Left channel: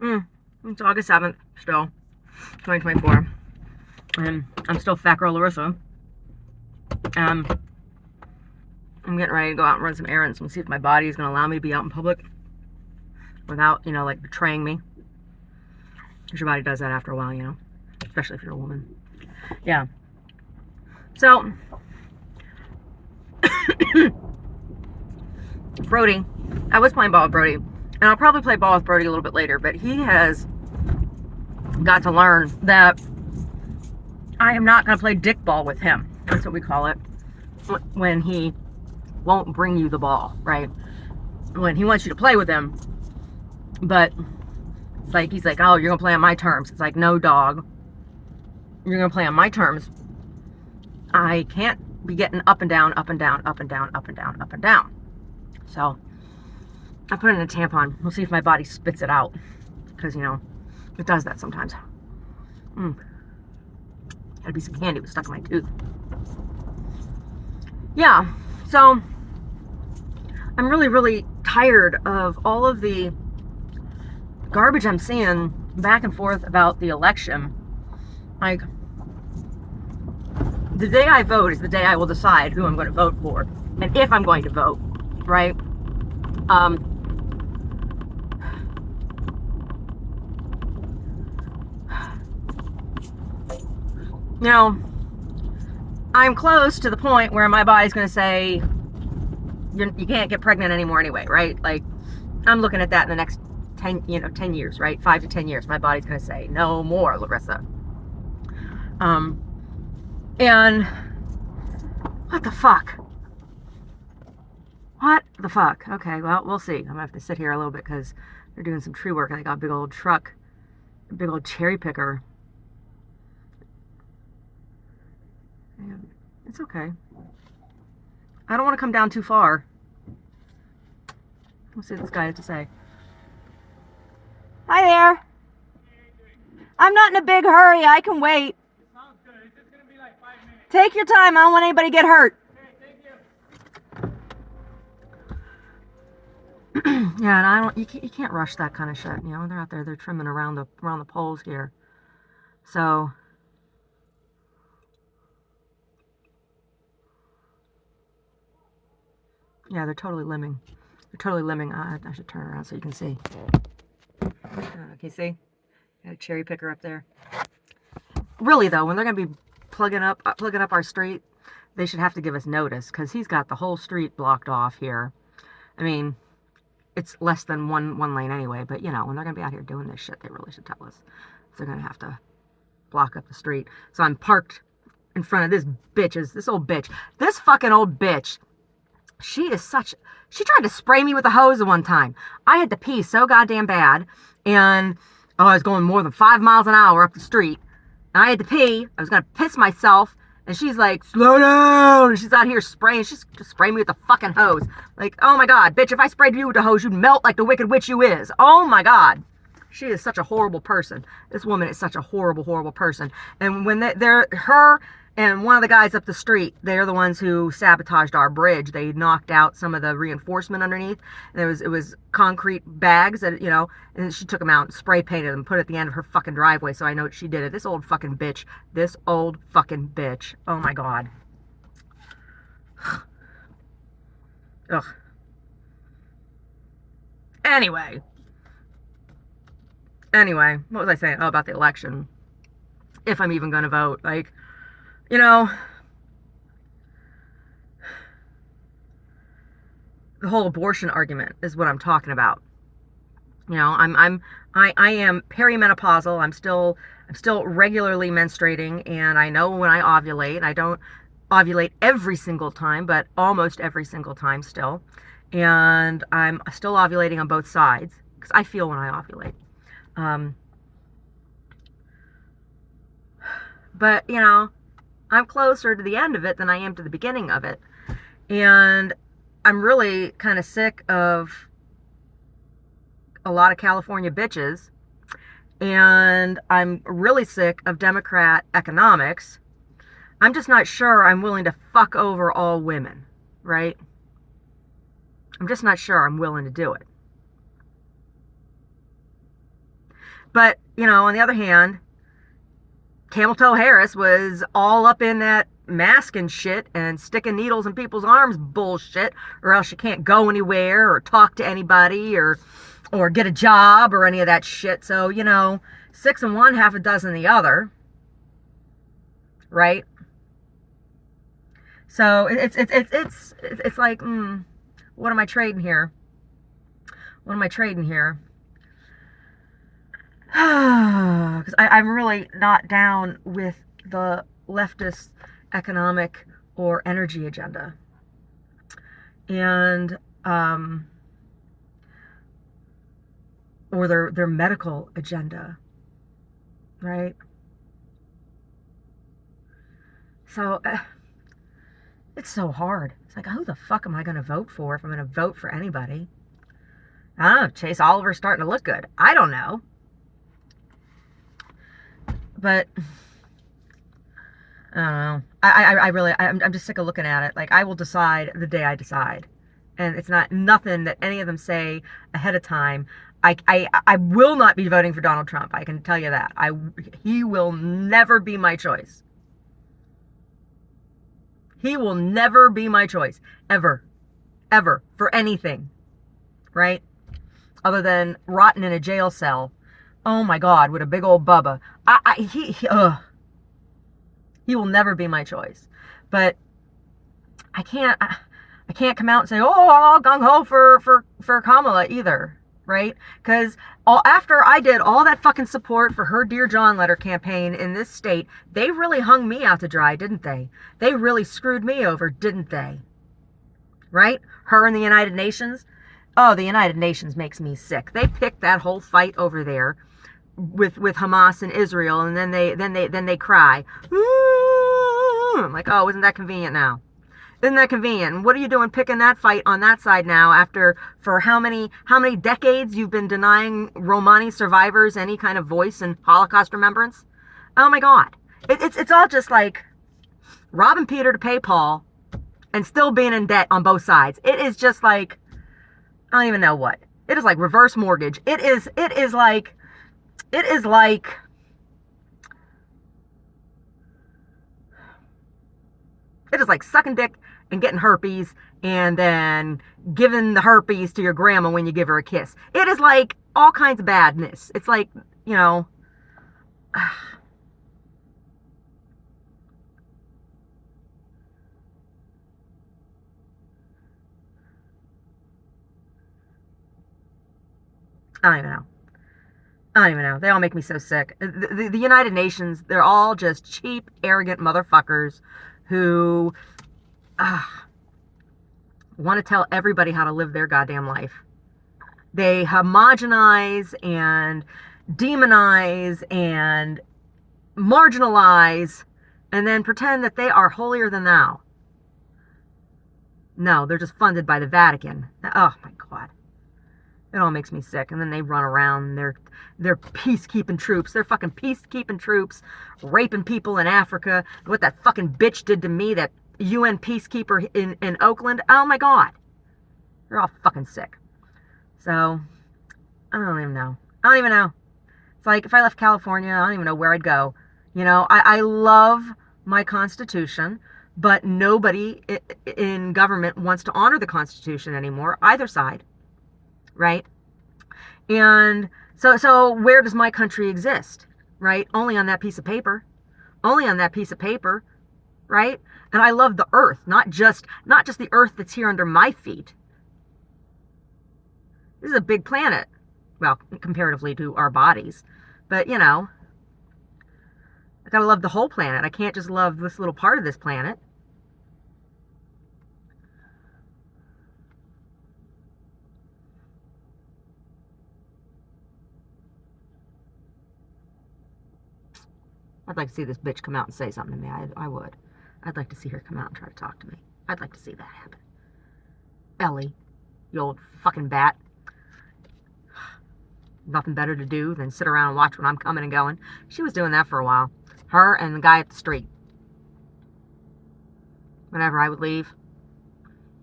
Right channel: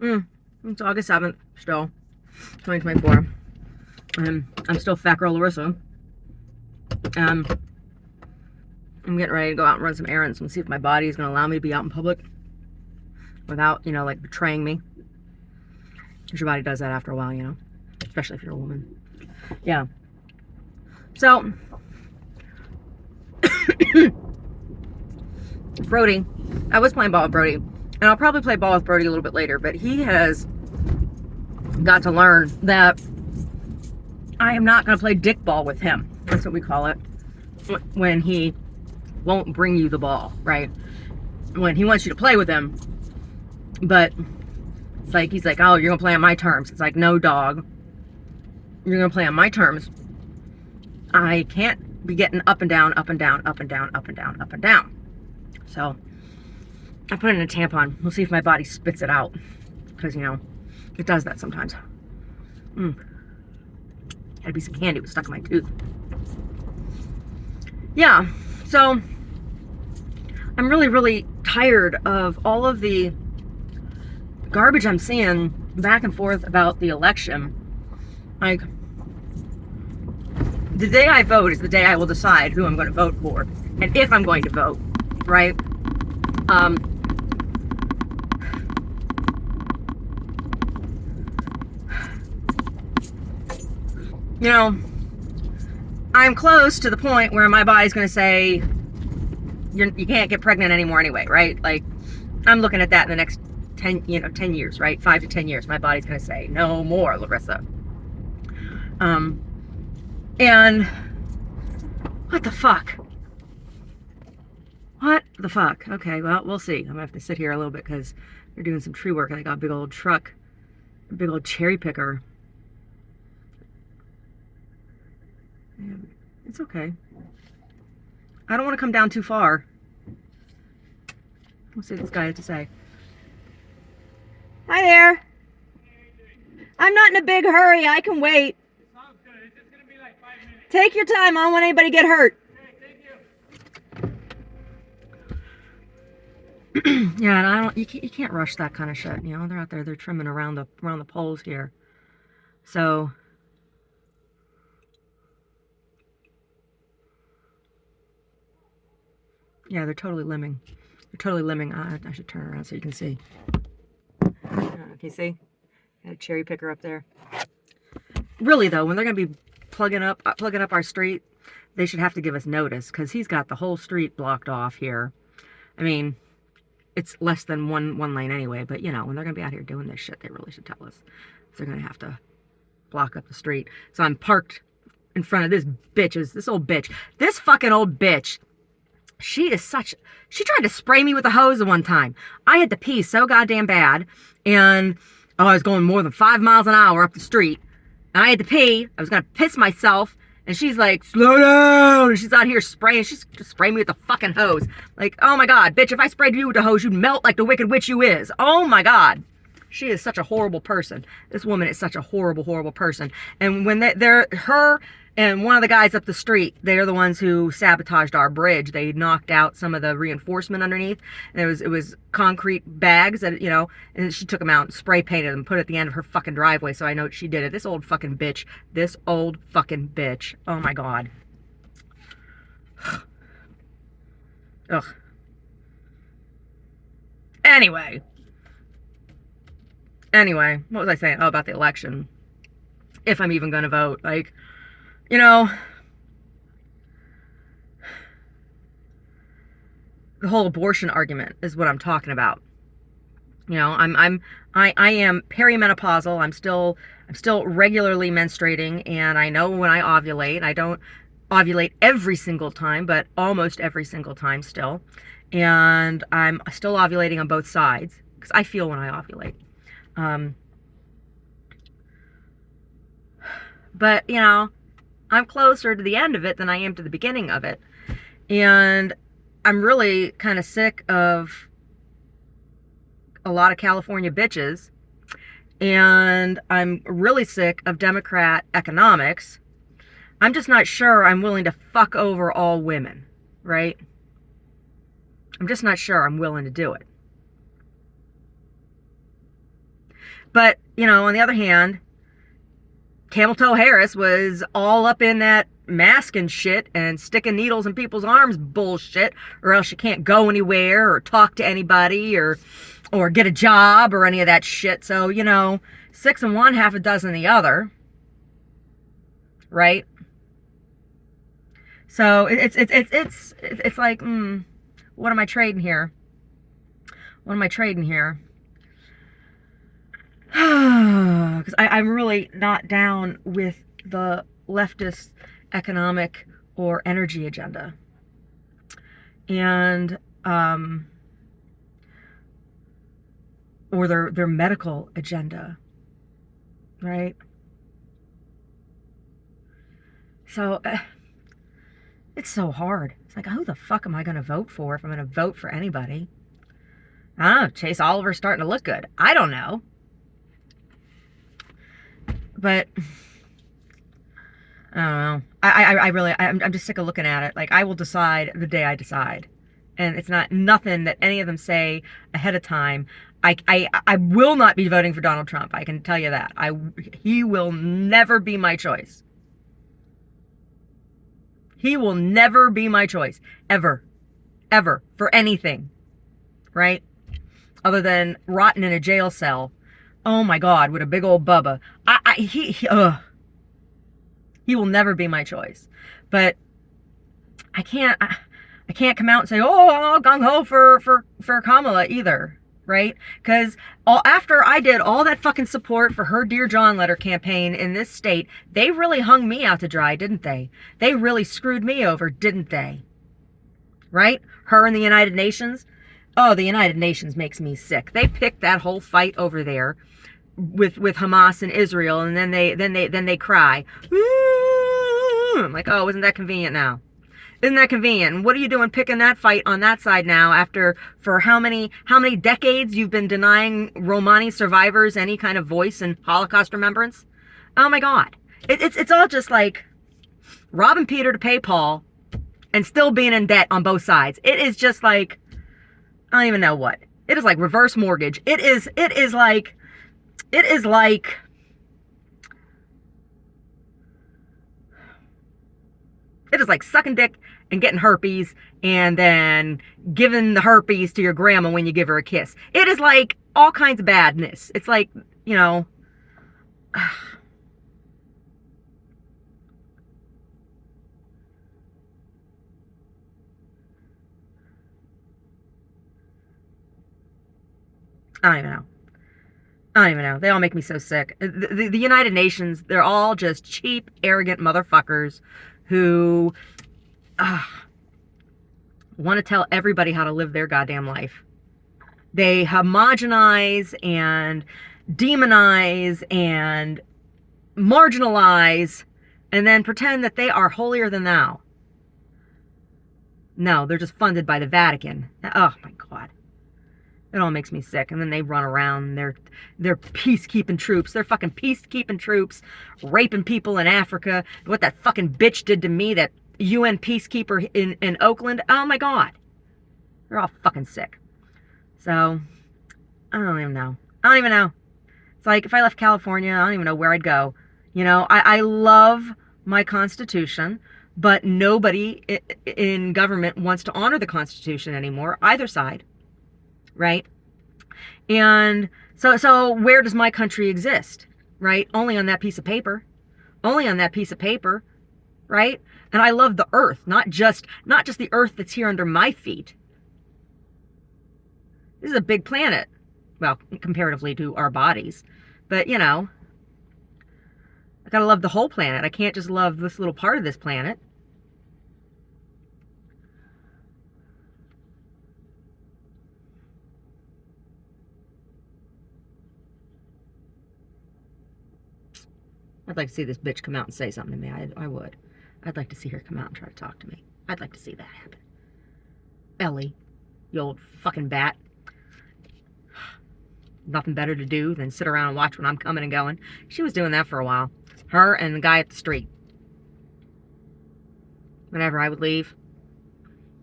It's August 7th, still, 2024. And I'm still Fat Girl Larissa. Um, I'm getting ready to go out and run some errands and see if my body is going to allow me to be out in public without, like betraying me. Because your body does that after a while, especially if you're a woman. Yeah. So, Brody, I was playing ball with Brody, and I'll probably play ball with Brody a little bit later, but he has got to learn that I am not going to play dick ball with him. That's what we call it. When he won't bring you the ball, right? When he wants you to play with him, but it's like, he's like, oh, you're going to play on my terms. It's like, no, dog. You're going to play on my terms. I can't be getting up and down, up and down, up and down, up and down, up and down. So, I put in a tampon. We'll see if my body spits it out. Because, it does that sometimes. Had to be some candy was stuck in my tooth. Yeah, so I'm really, really tired of all of the garbage I'm seeing back and forth about the election. Like, the day I vote is the day I will decide who I'm going to vote for and if I'm going to vote, right? I'm close to the point where my body's going to say, you can't get pregnant anymore anyway, right? Like, I'm looking at that in the next 10 years, right? 5 to 10 years. My body's going to say, no more, Larissa. And what the fuck? What the fuck? Okay, well, we'll see. I'm going to have to sit here a little bit because they're doing some tree work. And they got a big old truck, a big old cherry picker. And it's okay. I don't want to come down too far. We'll see what this guy has to say. Hi there. I'm not in a big hurry. I can wait. Sounds good. It's just going to be like 5 minutes. Take your time. I don't want anybody to get hurt. Okay, thank you. Yeah, and you can't rush that kind of shit. They're out there. They're trimming around the poles here. So, yeah, they're totally limbing. They're totally limbing. I should turn around so you can see. Can you see? Got a cherry picker up there. Really though, when they're gonna be plugging up our street, they should have to give us notice because he's got the whole street blocked off here. I mean, it's less than one lane anyway, but when they're gonna be out here doing this shit, they really should tell us. So they're gonna have to block up the street. So I'm parked in front of this old bitch. This fucking old bitch. She tried to spray me with a hose at one time. I had to pee so goddamn bad. And, I was going more than 5 miles an hour up the street. And I had to pee. I was going to piss myself. And she's like, slow down. And she's out here spraying. She's just spraying me with a fucking hose. Like, oh my God, bitch, if I sprayed you with a hose, you'd melt like the wicked witch you is. Oh my God. She is such a horrible person. This woman is such a horrible, horrible person. And when her and one of the guys up the street, they are the ones who sabotaged our bridge. They knocked out some of the reinforcement underneath. And it was concrete bags that, and she took them out and spray painted them, put it at the end of her fucking driveway. So I know she did it. This old fucking bitch. This old fucking bitch. Oh my God. Ugh. Anyway, what was I saying? Oh, about the election. If I'm even going to vote. Like, the whole abortion argument is what I'm talking about. I am perimenopausal. I'm still regularly menstruating, and I know when I ovulate. I don't ovulate every single time, but almost every single time still. And I'm still ovulating on both sides because I feel when I ovulate. But, I'm closer to the end of it than I am to the beginning of it. And I'm really kind of sick of a lot of California bitches. And I'm really sick of Democrat economics. I'm just not sure I'm willing to fuck over all women, right? I'm just not sure I'm willing to do it. But, you know, on the other hand, Camel Toe Harris was all up in that mask and shit and sticking needles in people's arms bullshit, or else you can't go anywhere or talk to anybody or get a job or any of that shit. So, you know, 6 in one, half a dozen the other, right? So it's like, what am I trading here? What am I trading here? Because I'm really not down with the leftist economic or energy agenda, and or their medical agenda, right? So it's so hard. It's like, who the fuck am I going to vote for if I'm going to vote for anybody? I don't know. Chase Oliver's starting to look good. I don't know. But I don't know. I'm just sick of looking at it. Like, I will decide the day I decide. And it's not nothing that any of them say ahead of time. I will not be voting for Donald Trump. I can tell you that. He will never be my choice. He will never be my choice. Ever. Ever. For anything. Right? Other than rotting in a jail cell. Oh my God, with a big old bubba. He will never be my choice. But I can't come out and say, oh, I'm all gung-ho for Kamala either, right? Because after I did all that fucking support for her Dear John letter campaign in this state, they really hung me out to dry, didn't they? They really screwed me over, didn't they? Right? Her and the United Nations. Oh, the United Nations makes me sick. They picked that whole fight over there with Hamas and Israel, and then they cry. I'm like, oh, isn't that convenient now? Isn't that convenient? And what are you doing picking that fight on that side now after for how many decades you've been denying Romani survivors any kind of voice in Holocaust remembrance? Oh my God. It's all just like robbing Peter to pay Paul and still being in debt on both sides. It is just like, I don't even know what. It is like reverse mortgage. It is like sucking dick and getting herpes and then giving the herpes to your grandma when you give her a kiss. It is like all kinds of badness. It's like, you know, I don't even know. I don't even know. They all make me so sick. The United Nations, they're all just cheap, arrogant motherfuckers who want to tell everybody how to live their goddamn life. They homogenize and demonize and marginalize and then pretend that they are holier than thou. No, they're just funded by the Vatican. Oh my God. It all makes me sick. And then they run around. They're peacekeeping troops. They're fucking peacekeeping troops, raping people in Africa. What that fucking bitch did to me, that UN peacekeeper in Oakland. Oh my God. They're all fucking sick. So, I don't even know. I don't even know. It's like if I left California, I don't even know where I'd go. You know, I love my Constitution, but nobody in government wants to honor the Constitution anymore, either side. Right? And so where does my country exist? Right? Only on that piece of paper. Only on that piece of paper. Right? And I love the earth, not just the earth that's here under my feet. This is a big planet. Well, comparatively to our bodies. But, you know, I gotta love the whole planet. I can't just love this little part of this planet. I'd like to see this bitch come out and say something to me. I would. I'd like to see her come out and try to talk to me. I'd like to see that happen. Ellie, you old fucking bat. Nothing better to do than sit around and watch when I'm coming and going. She was doing that for a while. Her and the guy at the street. Whenever I would leave,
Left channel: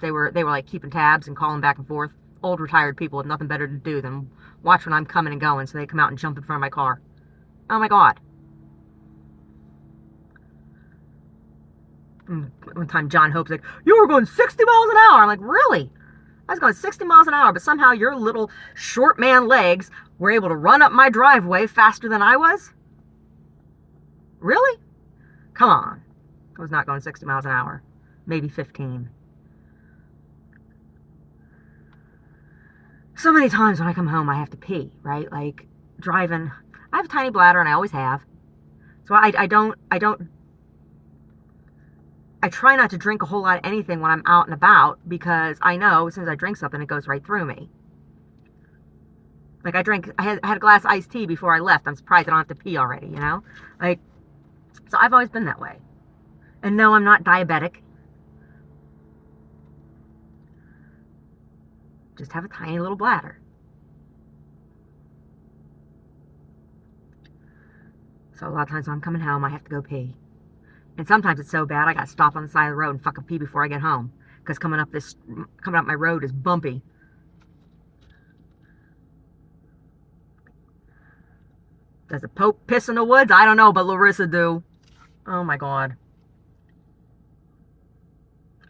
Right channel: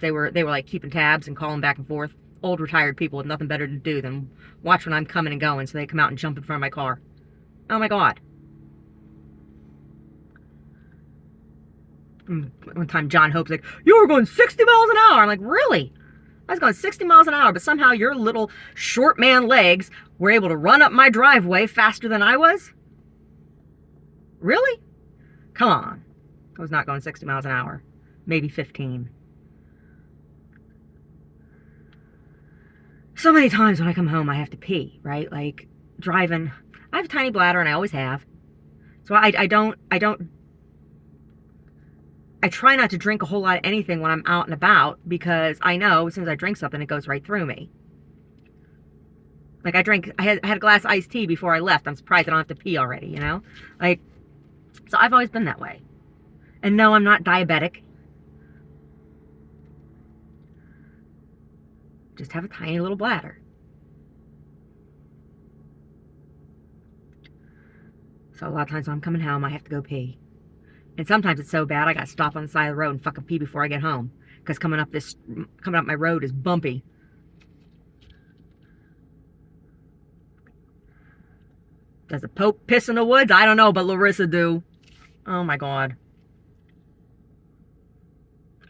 they were like keeping tabs and calling back and forth. Old retired people with nothing better to do than watch when I'm coming and going, so they come out and jump in front of my car. Oh my God. And one time John Hope's like, you were going 60 miles an hour. I'm like, really? I was going 60 miles an hour, but somehow your little short man legs were able to run up my driveway faster than I was? Really? Come on. I was not going 60 miles an hour. Maybe 15. So many times when I come home, I have to pee, right? Like driving. I have a tiny bladder and I always have. So I try not to drink a whole lot of anything when I'm out and about, because I know as soon as I drink something, it goes right through me. Like I had a glass of iced tea before I left. I'm surprised I don't have to pee already, you know? Like, so I've always been that way. And no, I'm not diabetic. Just have a tiny little bladder. So a lot of times when I'm coming home, I have to go pee. And sometimes it's so bad, I gotta stop on the side of the road and fucking pee before I get home. Because coming up my road is bumpy. Does the Pope piss in the woods? I don't know, but Larissa do. Oh my God.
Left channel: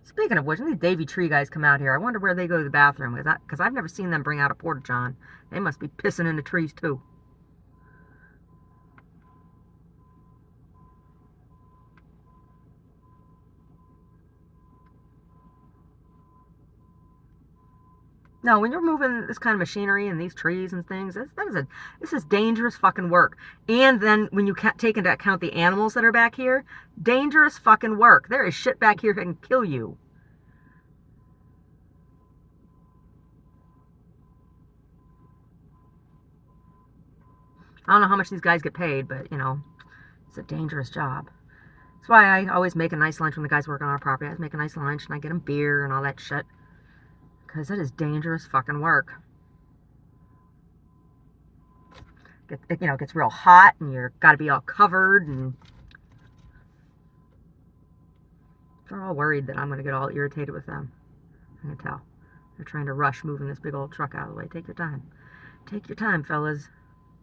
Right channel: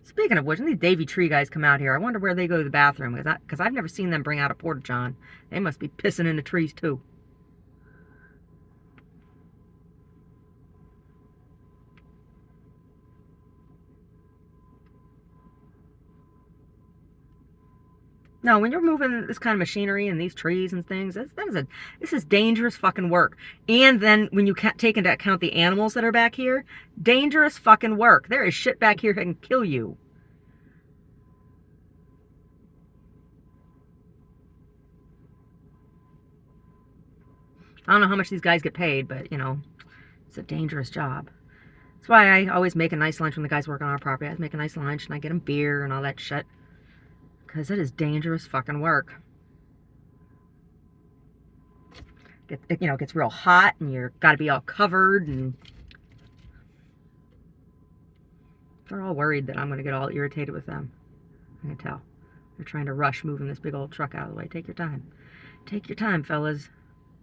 Speaking of which, when these Davy Tree guys come out here, I wonder where they go to the bathroom. Because I've never seen them bring out a porta-john. They must be pissing in the trees too. No, when you're moving this kind of machinery and these trees and things, this is dangerous fucking work. And then when you can't take into account the animals that are back here, dangerous fucking work. There is shit back here that can kill you. I don't know how much these guys get paid, but you know, it's a dangerous job. That's why I always make a nice lunch when the guys work on our property. I always make a nice lunch and I get them beer and all that shit. Because it is dangerous fucking work. It gets real hot and you're got to be all covered, and they're all worried that I'm going to get all irritated with them. I can tell. They're trying to rush moving this big old truck out of the way. Take your time. Take your time, fellas.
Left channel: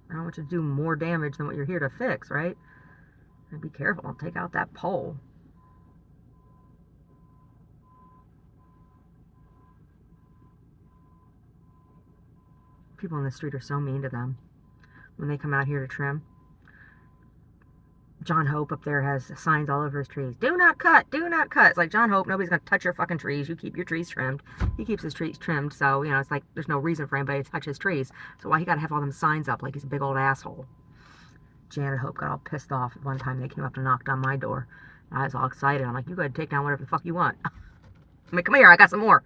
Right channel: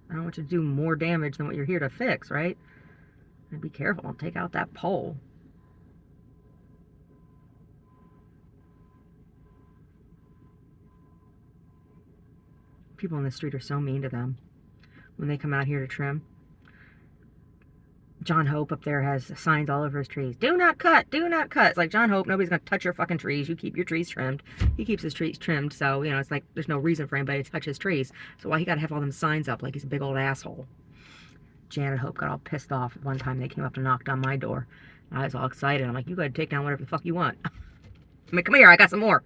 I don't want you to do more damage than what you're here to fix, right? And be careful. Don't take out that pole. People in the street are so mean to them when they come out here to trim. John Hope up there has signs all over his trees. Do not cut, do not cut. It's like, John Hope, nobody's going to touch your fucking trees. You keep your trees trimmed. He keeps his trees trimmed, so, you know, it's like there's no reason for anybody to touch his trees. So why he got to have all them signs up like he's a big old asshole? Janet Hope got all pissed off at one time they came up and knocked on my door. I was all excited. I'm like, you go ahead and take down whatever the fuck you want. I'm like, come here, I got some more.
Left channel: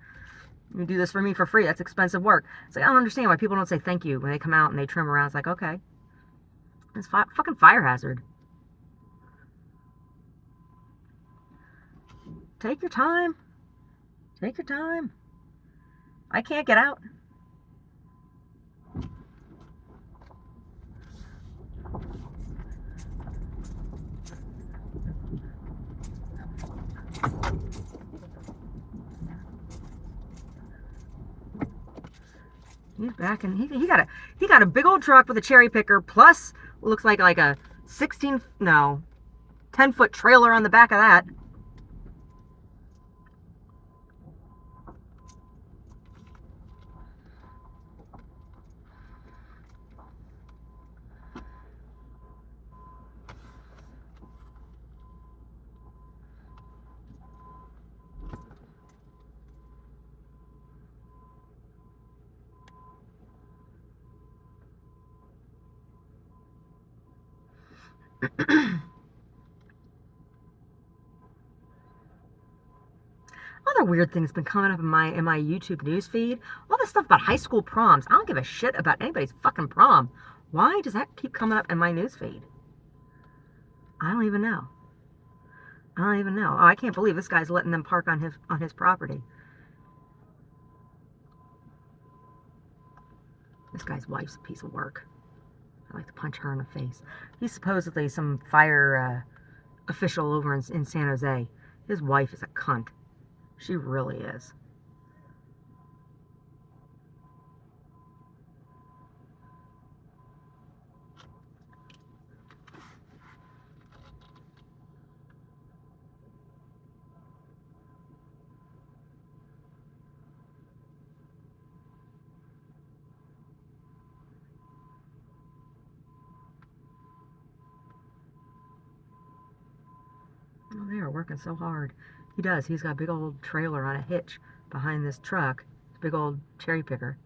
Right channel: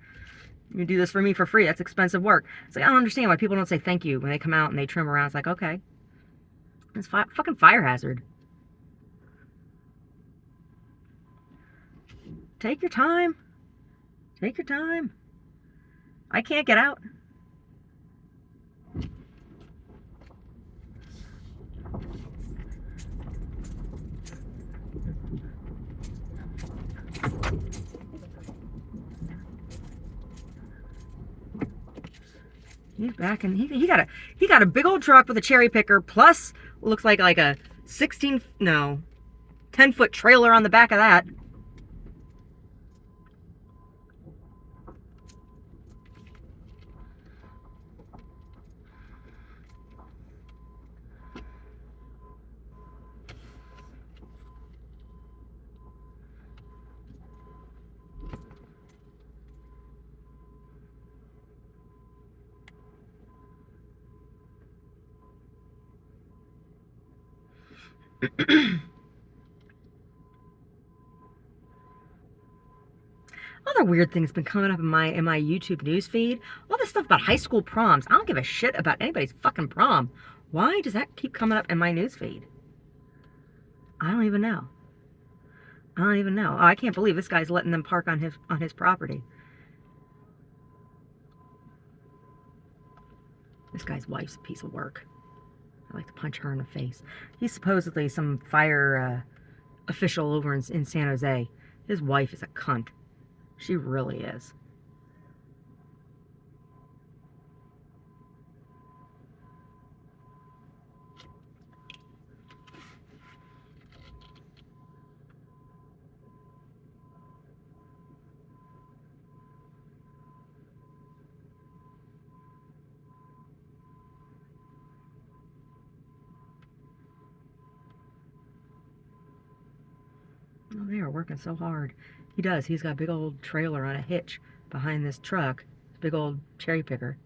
You do this for me for free. That's expensive work. It's like, I don't understand why people don't say thank you when they come out and they trim around. It's like, okay. It's fucking fire hazard. Take your time. Take your time. I can't get out. He's back, and he got a big old truck with a cherry picker, plus looks like a 10-foot trailer on the back of that. Other weird things been coming up in my YouTube news feed. All this stuff about high school proms. I don't give a shit about anybody's fucking prom. Why does that keep coming up in my news feed? I don't even know. I don't even know. Oh, I can't believe this guy's letting them park on his property. This guy's wife's a piece of work. I like to punch her in the face. He's supposedly some fire official over in San Jose. His wife is a cunt. She really is. working so hard. He does. He's got a big old trailer on a hitch behind this truck. Big old cherry picker.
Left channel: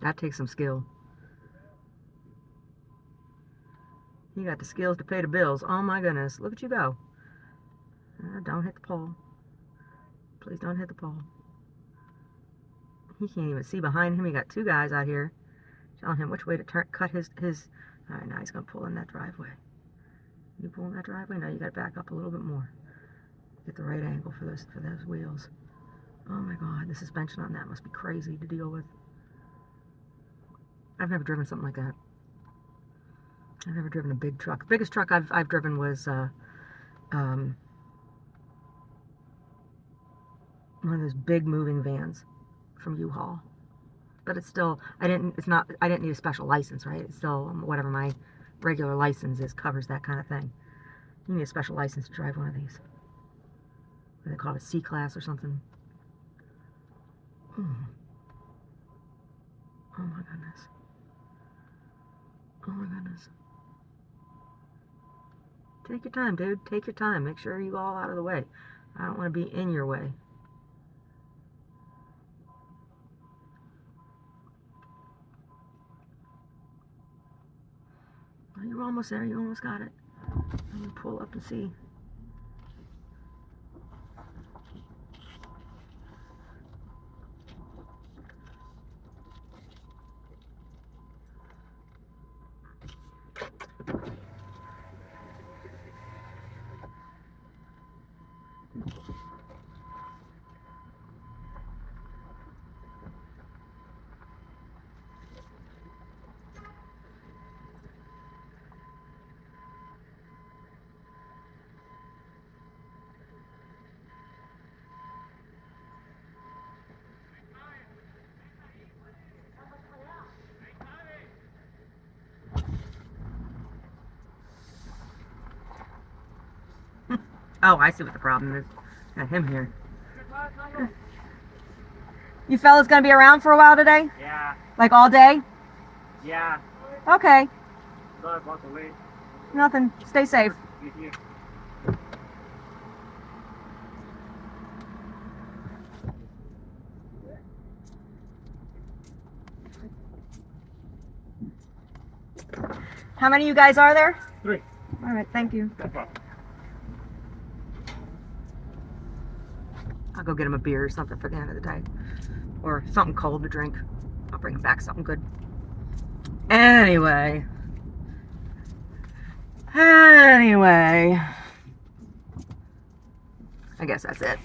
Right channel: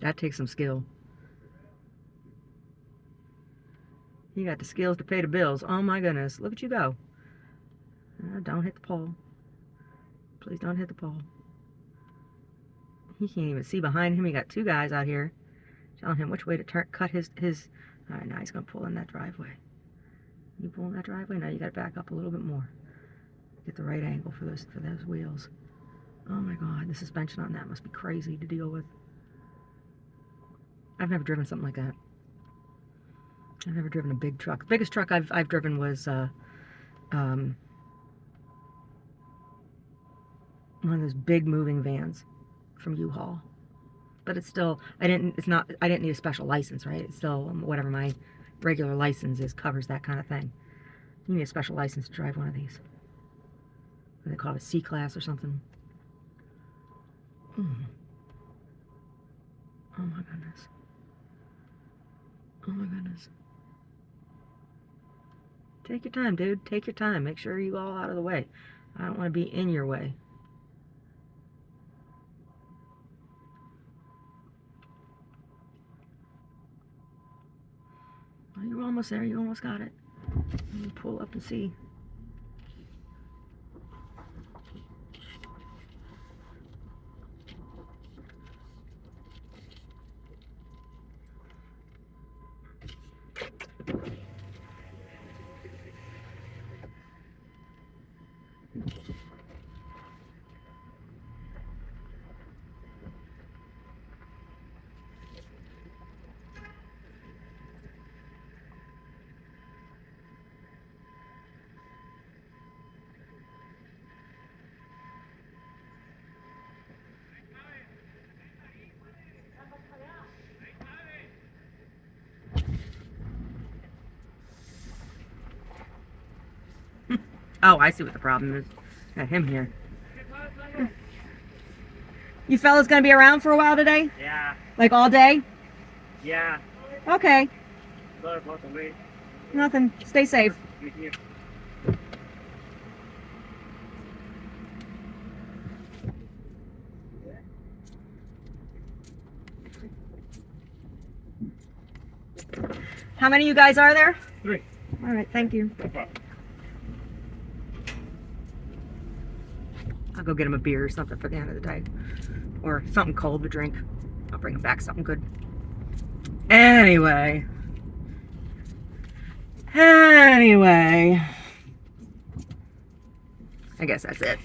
That takes some skill. You got the skills to pay the bills. Oh my goodness. Look at you go. Don't hit the pole. Please don't hit the pole. He can't even see behind him. He got two guys out here telling him which way to turn, cut his. All right, now he's going to pull in that driveway. You pull in that driveway? No, you got to back up a little bit more. Get the right angle for those wheels. Oh my God, the suspension on that must be crazy to deal with. I've never driven something like that. I've never driven a big truck. The biggest truck I've driven was one of those big moving vans from U-Haul. But it's still, I didn't need a special license, right? It's still whatever my regular license is, covers that kind of thing. You need a special license to drive one of these. They call it a C-class or something. Oh my goodness. Oh my goodness. Take your time, dude. Take your time. Make sure you all out of the way. I don't want to be in your way. Well, you're almost there. You almost got it. Let me pull up and see. Oh, I see what the problem is. Got him here. You fellas gonna be around for a while today? Yeah. Like all day? Yeah. Okay. Sorry about the wait. Nothing. Stay safe. Thank you. How many of you guys are there? 3. All right, thank you. No problem. I'll go get him a beer or something for the end of the day. Or something cold to drink. I'll bring him back something good. Anyway. I guess that's it.